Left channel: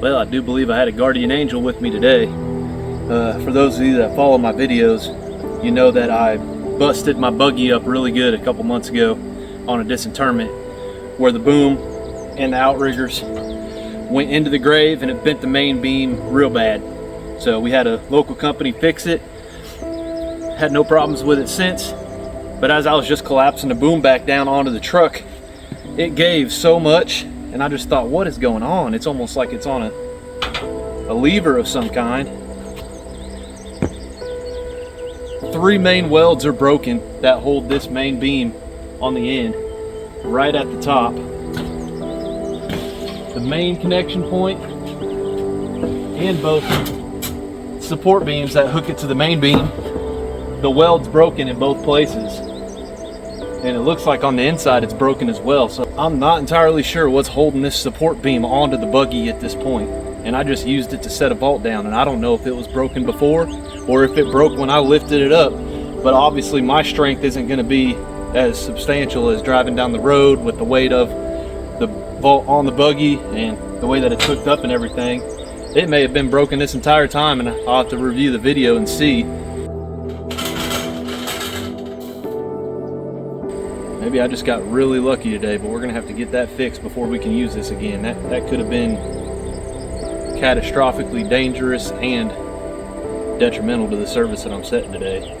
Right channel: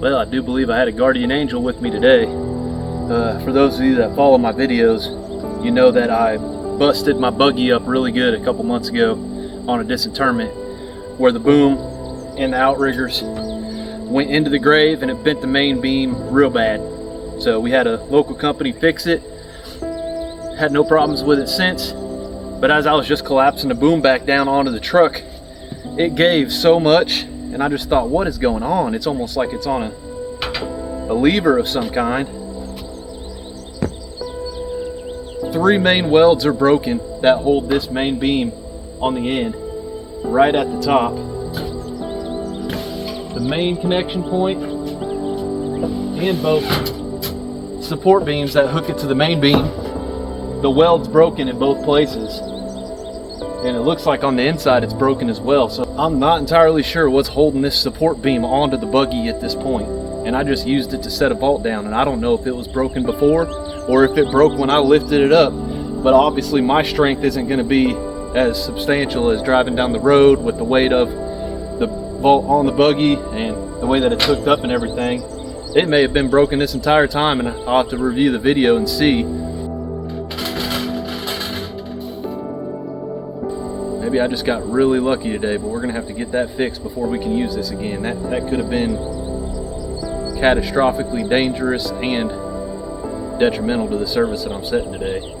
Well, I do believe I had a guardian angel with me today. For those of you that follow my videos, you know that I busted my buggy up really good a couple months ago on a disinterment where the boom and the outriggers went into the grave and it bent the main beam real bad. So we had a local company fix it. Had no problems with it since, but as I was just collapsing the boom back down onto the truck, it gave so much, and I just thought, what is going on? It's almost like it's on a lever of some kind. three main welds are broken that hold this main beam on the end, right at the top. The main connection point and both support beams that hook it to the main beam, the weld's broken in both places. And it looks like on the inside it's broken as well. So I'm not entirely sure what's holding this support beam onto the buggy at this point. And I just used it to set a vault down, and I don't know if it was broken before or if it broke when I lifted it up. But obviously my strength isn't going to be as substantial as driving down the road with the weight of the vault on the buggy and the way that it's hooked up and everything. It may have been broken this entire time, and I'll have to review the video and see. Maybe I just got really lucky today, but we're gonna have to get that fixed before we can use this again. That could have been catastrophically dangerous and detrimental to the service that I'm setting today.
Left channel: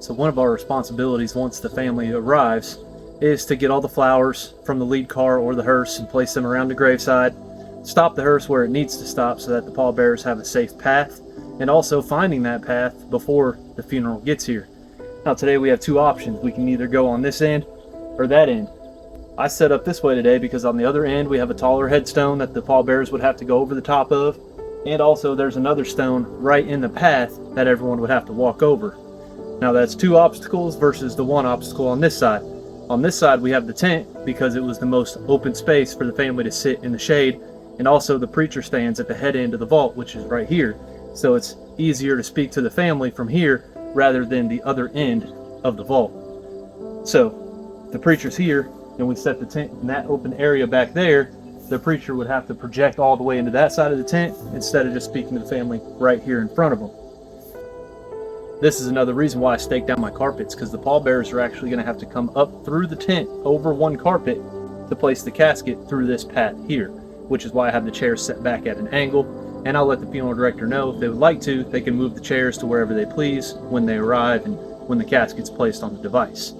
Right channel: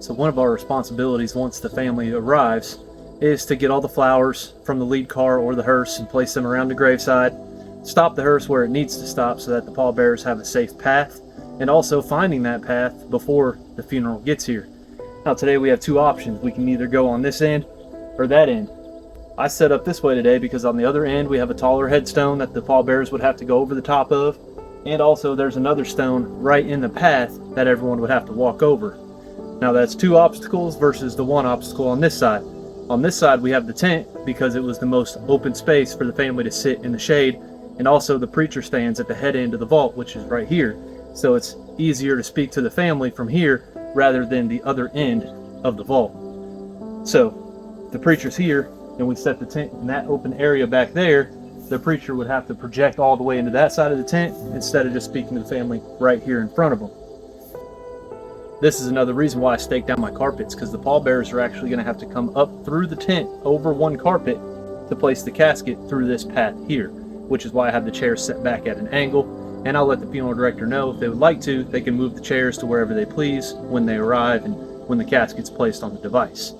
So one of our responsibilities once the family arrives is to get all the flowers from the lead car or the hearse and place them around the graveside, stop the hearse where it needs to stop so that the pallbearers have a safe path, and also finding that path before the funeral gets here. Now today we have two options. We can either go on this end or that end. I set up this way today because on the other end we have a taller headstone that the pallbearers would have to go over the top of, and also there's another stone right in the path that everyone would have to walk over. Now that's two obstacles versus the one obstacle on this side. On this side we have the tent because it was the most open space for the family to sit in the shade, and also the preacher stands at the head end of the vault, which is right here. So it's easier to speak to the family from here rather than the other end of the vault. So the preacher's here and we set the tent in that open area back there, the preacher would have to project all the way into that side of the tent instead of just speaking to the family right here in front of them. This is another reason why I staked down my carpets, because the pallbearers are actually going to have to come up through the tent over one carpet to place the casket through this path here, which is why I have the chairs set back at an angle, and I'll let the funeral director know if they would like to, they can move the chairs to wherever they please when they arrive and when the casket's placed on the device.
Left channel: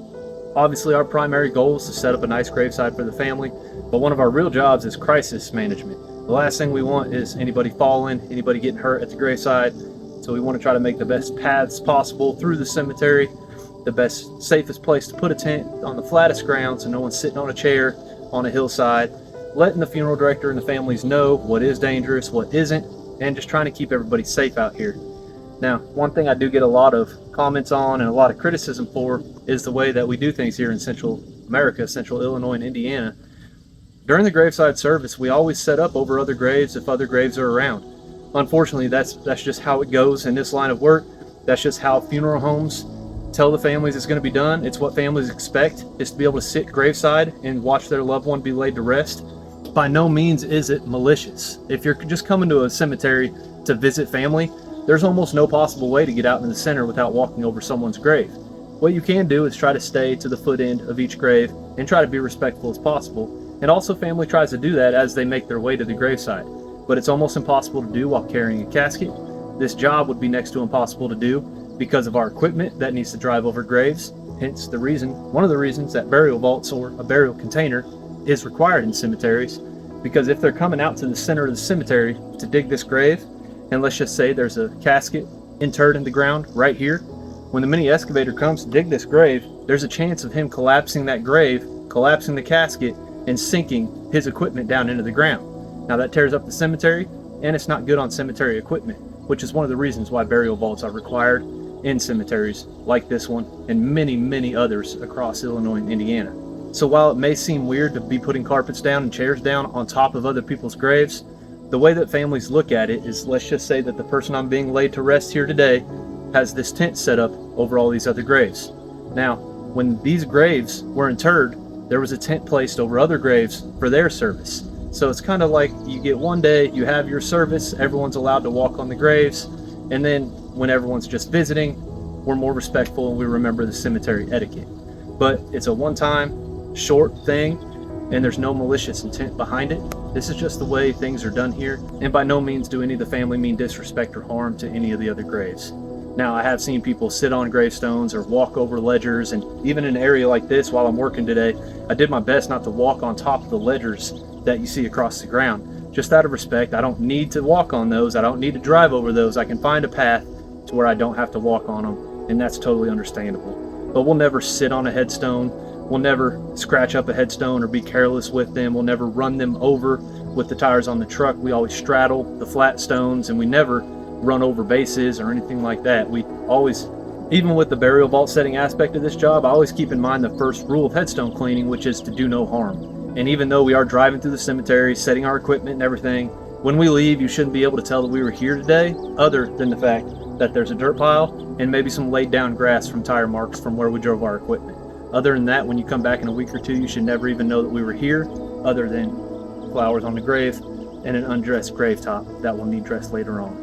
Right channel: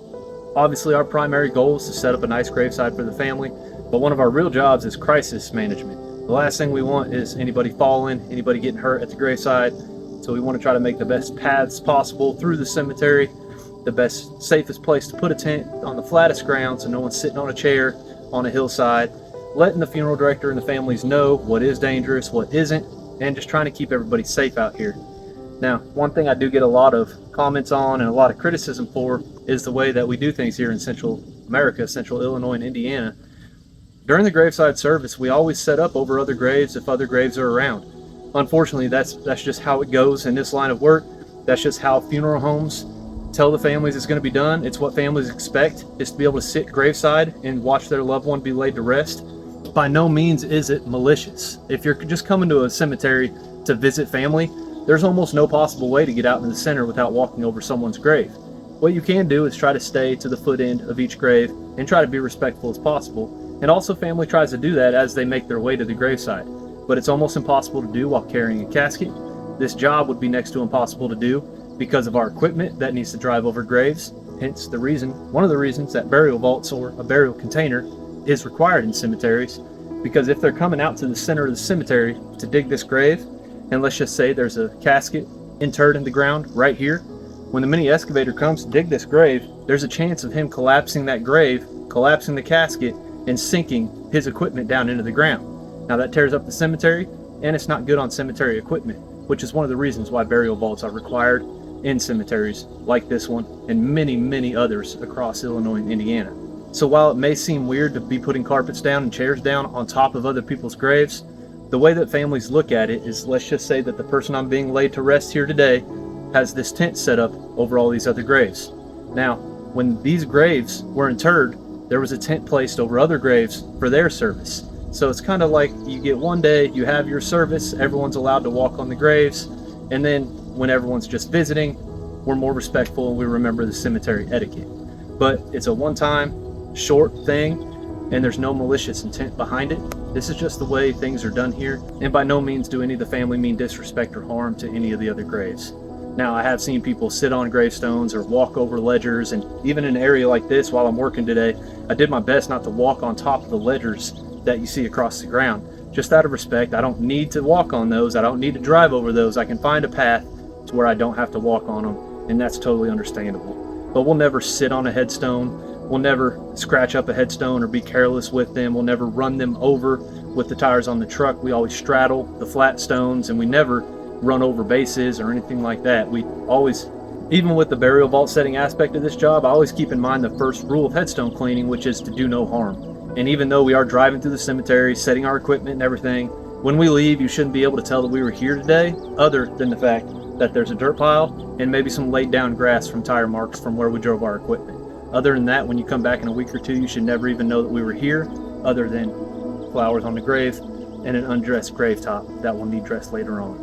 Obviously our primary goal is to set up a nice graveside for the family, but one of our real jobs is crisis management. The last thing we want is anybody falling, anybody getting hurt at the graveside. So we want to try to make the best paths possible through the cemetery, the best, safest place to put a tent on the flattest ground so no one's sitting on a chair on a hillside, letting the funeral director and the families know what is dangerous, what isn't, and just trying to keep everybody safe out here. Now, one thing I do get a lot of comments on and a lot of criticism for is the way that we do things here in Central America, Central Illinois and Indiana. During the graveside service, we always set up over other graves if other graves are around. Unfortunately, that's just how it goes in this line of work. That's just how funeral homes tell the families it's going to be done. It's what families expect, is to be able to sit graveside and watch their loved one be laid to rest. By no means is it malicious. If you're just coming to a cemetery to visit family, there's almost no possible way to get out in the center without walking over someone's grave. What you can do is try to stay to the foot end of each grave and try to be respectful as possible. And also family tries to do that as they make their way to the graveside. But it's almost impossible to do while carrying a casket. This job would be next to impossible to do because of our equipment that needs to drive over graves. Hence one of the reasons that burial vaults or a burial container is required in cemeteries, because if they're coming out to the center of the cemetery to dig this grave, and let's just say there's a casket interred in the ground right here, when the mini excavator comes to dig this grave, there's a chance of him collapsing that grave, collapsing the casket, and sinking his equipment down into the ground. Now that tears up the cemetery, and it's not good on cemetery equipment, which is one of the reasons why burial vaults are required in cemeteries like this one and many, many others across Illinois and Indiana. So while it may seem weird to be putting carpets down and chairs down on top of other people's graves, the way that families look at it is, let's just say that the person I'm being laid to rest here today has this tent set up over all these other graves. Now, when these graves were interred, there was a tent placed over other graves for their service. So it's kind of like you get one day, you have your service, everyone's allowed to walk on the graves, and then when everyone's just visiting, we're more respectful and we remember the cemetery etiquette. But it's a one-time, short thing, and there's no malicious intent behind it. This is just the way things are done here, and by no means do any of the family mean disrespect or harm to any of the other graves. Now, I have seen people sit on gravestones or walk over ledgers, and even in an area like this while I'm working today, I did my best not to walk on top of the ledgers that you see across the ground. Just out of respect, I don't need to walk on those. I don't need to drive over those. I can find a path to where I don't have to walk on them, and that's totally understandable. But we'll never sit on a headstone. We'll never scratch up a headstone or be careless with them. We'll never run them over with the tires on the truck. We always straddle the flat stones, and we never run over bases or anything like that. We always, even with the burial vault setting aspect of this job, I always keep in mind the first rule of headstone cleaning, which is to do no harm. And even though we are driving through the cemetery, setting our equipment and everything, when we leave, you shouldn't be able to tell that we were here today, other than the fact that there's a dirt pile and maybe some laid down grass from tire marks from where we drove our equipment. Other than that, when you come back in a week or two, you should never even know that we were here, other than flowers on the grave and an undressed grave top that will need dressed later on.